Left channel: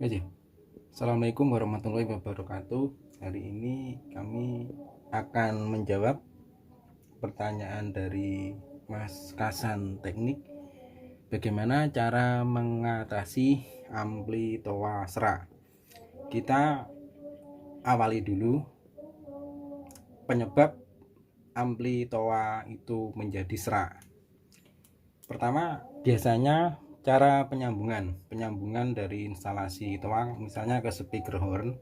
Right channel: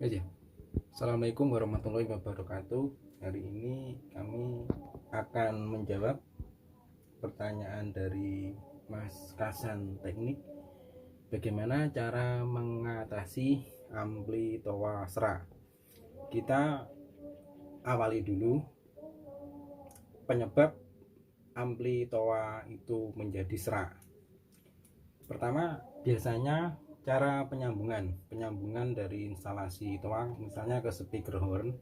Oke. Assalamualaikum warahmatullahi wabarakatuh. Hari ini kami akan menjawab pertanyaan dari Mas Kasan Teknik. Bagaimana cara mengatasi ampli toa serak? Kita awali dulu penyebab ampli toa itu menjadi serak. Pertama, biasanya cara penyambungan dari instalasi toa misalnya ke speaker horn.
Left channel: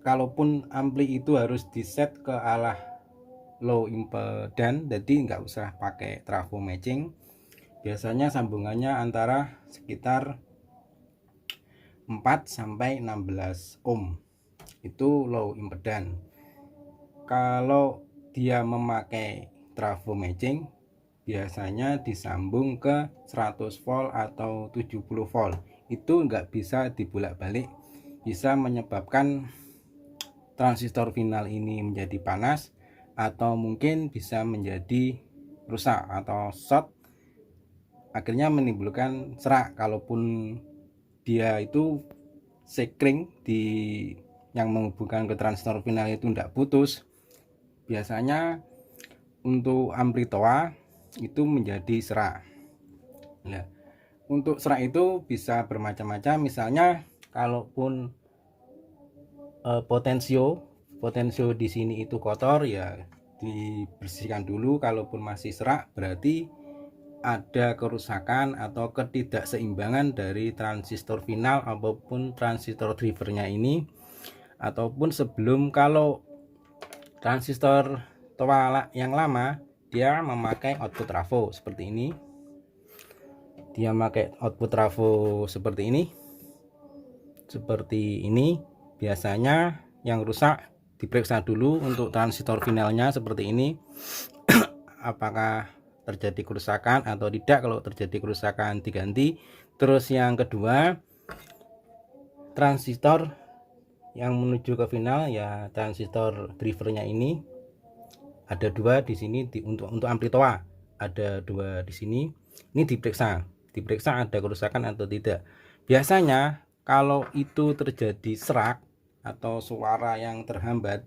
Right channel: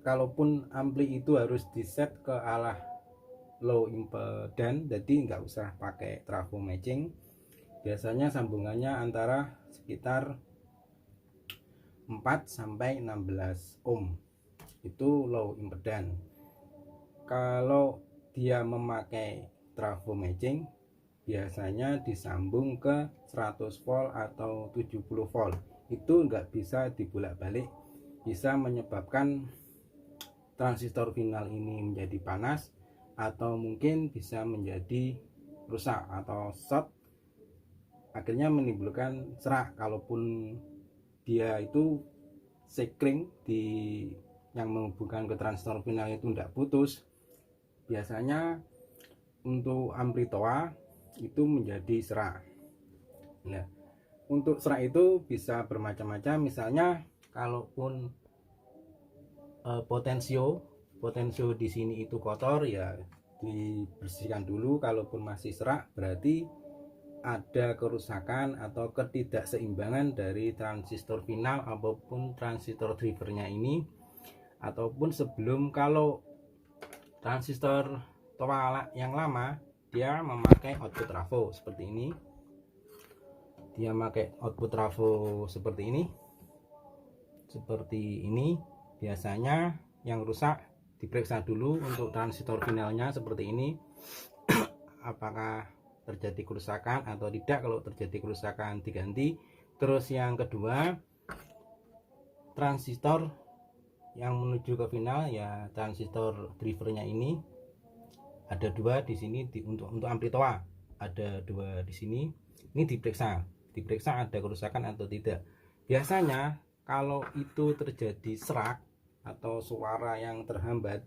Kalaupun ampli itu harus diset ke arah low impedance, jadi nggak usah pakai trafo matching. Biasanya sambungannya antara sekitar 4 sampai 16 ohm, itu low impedance. Kalau dia memakai trafo matching, biasanya disambung ke 100 volt atau 70 volt. Itu nggak bisa dibolak-balik, bisa menyebabkan transistor final ini menjadi panas atau mungkin bisa menjadi rusak atau short, akhirnya menimbulkan serak. Kalaupun dia itu sekring di yang menghubungkan ke transistor final itu tidak putus, biasanya untuk ampli toa itu menjadi serak. Nah, untuk serak itu bisa bermacam-macam. Misalnya kalaupun potensio di sini itu kotor, ya dibersihkan dulu. Kalaupun masih serak, berarti ada kerusakan atau ketidakseimbangan dari transistor final ataupun transistor drivernya ini. Ataupun sebelum, kalau transistor toa yang lama dia memakai output trafo seperti ini, biasanya yang rusak diperiksa dulu untuk transistor finalnya seperti ini apakah terjadi kerusakan atau tidak. Kalau terjadi kerusakan diganti. Terus yang kedua, transistor yang menuju ke final, ya transistor drivernya ini ada dua di sini, untuk ampli toa ada dua di sini. Ini diperiksa ada kerusakan atau tidak. Biasanya kalau itu terjadi serak atau suara yang terhambat,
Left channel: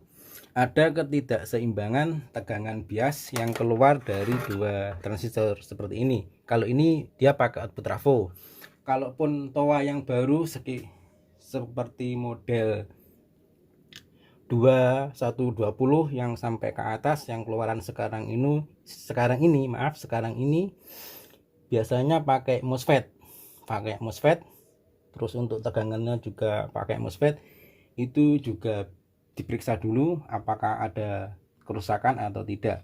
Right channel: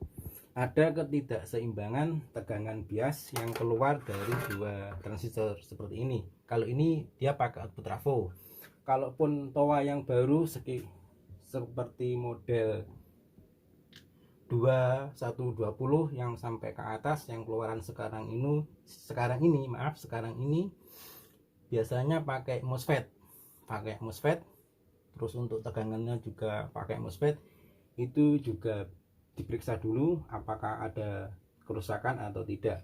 ada ketidakseimbangan tegangan bias yang keluar dari dua transistor seperti ini. Kalau ini dia pakai output trafo. Kalaupun toa yang baru seperti model 2120 yang sampai ke atas, yang keluaran sekarang ini biasanya pakai MOSFET. Terus untuk tegangannya juga pakai MOSFET. Itu juga diperiksa dulu apakah ada kerusakan atau tidak.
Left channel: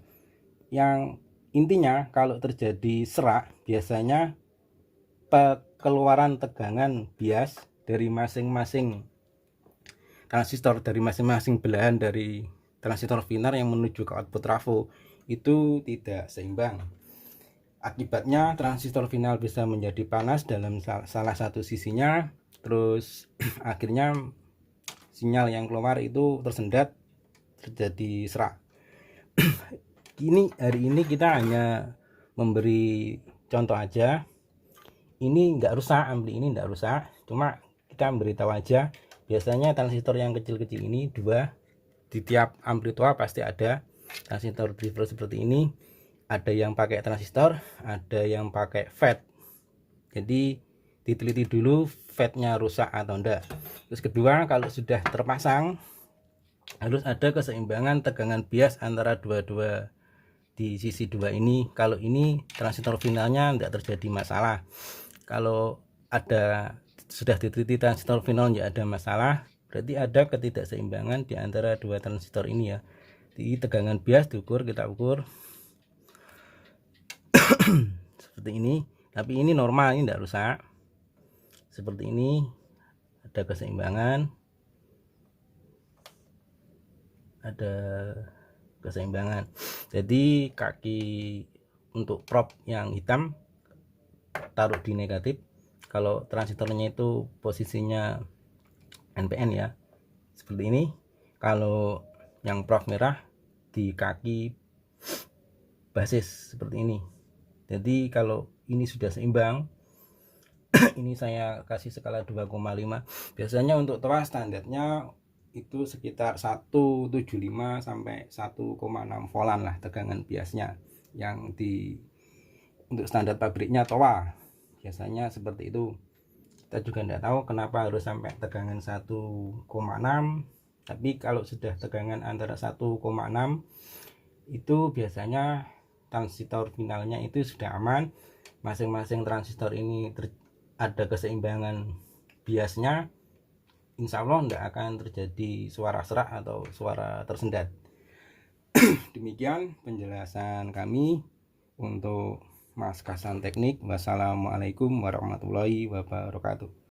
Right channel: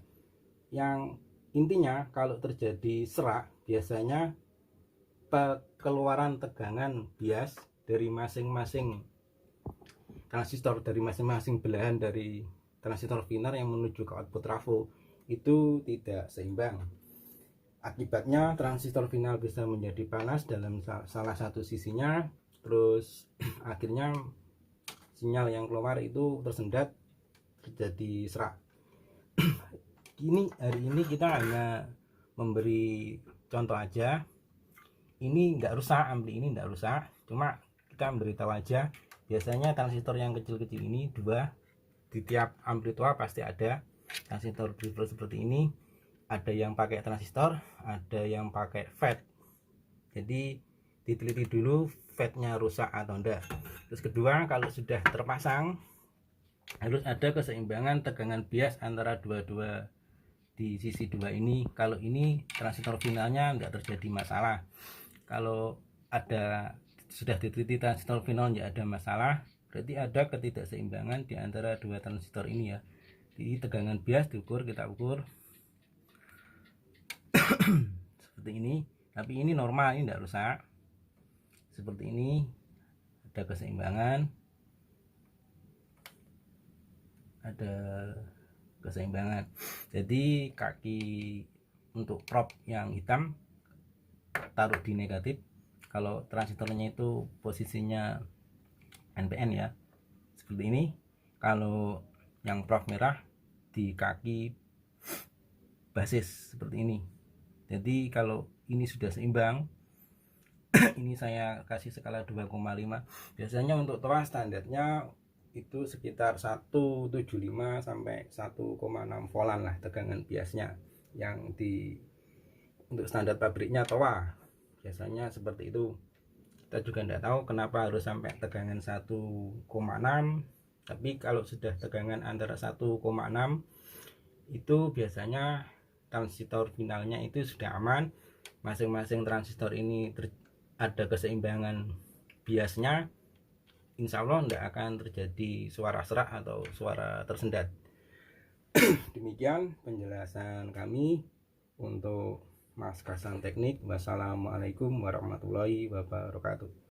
Yang intinya kalau terjadi serak, biasanya keluaran tegangan bias dari masing-masing transistor, dari masing-masing belahan dari transistor final yang menuju ke output trafo itu tidak seimbang. Akibatnya transistor final bisa menjadi panas dalam salah satu sisinya. Terus akhirnya sinyal yang keluar itu tersendat, terjadi serak. Hari ini kita hanya memberi contoh aja. Ini enggak rusak, ampli ini enggak rusak, cuma kita memberitahu aja. Biasanya transistor yang kecil-kecil ini dua, di tiap ampli toa pasti ada transistor driver seperti ini. Ada yang pakai transistor, ada yang pakai FET. Jadi diteliti dulu FET-nya rusak atau enggak. Terus kedua, kalau sudah terpasang, harus ada keseimbangan tegangan bias antara dua-dua di sisi dua ini. Kalau ini transistor finalnya enggak terjadi masalah. Kalau sudah diteliti transistor final enggak ada masalah, berarti ada ketidakseimbangan di antara dua transistor ini ya. Di tegangan bias kita ukur seperti ini. Tapi ini normal, ini enggak rusak. Seperti ini, ada keseimbangan. Jadi kaki untuk probe yang hitam taruh di negatif. Kalau transistornya itu posisinya NPN ya, seperti ini. Kalau yang probe merah di kaki basis seperti ini. Jadi kalau ini sudah seimbang, Ini saya kasih skala 2,5. Biasanya untuk toa standarnya itu sekitar 175 sampai 1,6 volan lah tegangan biasnya yang untuk standar pabriknya toa biasanya seperti itu. Kita juga tidak tahu kenapa harus sampai tegangan 1,6, tapi kalau sudah tegangan antara 1,6 itu biasanya transistor finalnya itu sudah aman. Masing-masing transistor ini ada keseimbangan biasnya, insya Allah tidak akan terjadi suara serak atau suara tersendat. Demikian penjelasan kami untuk Mas Kasan Teknik. Wassalamualaikum warahmatullahi wabarakatuh.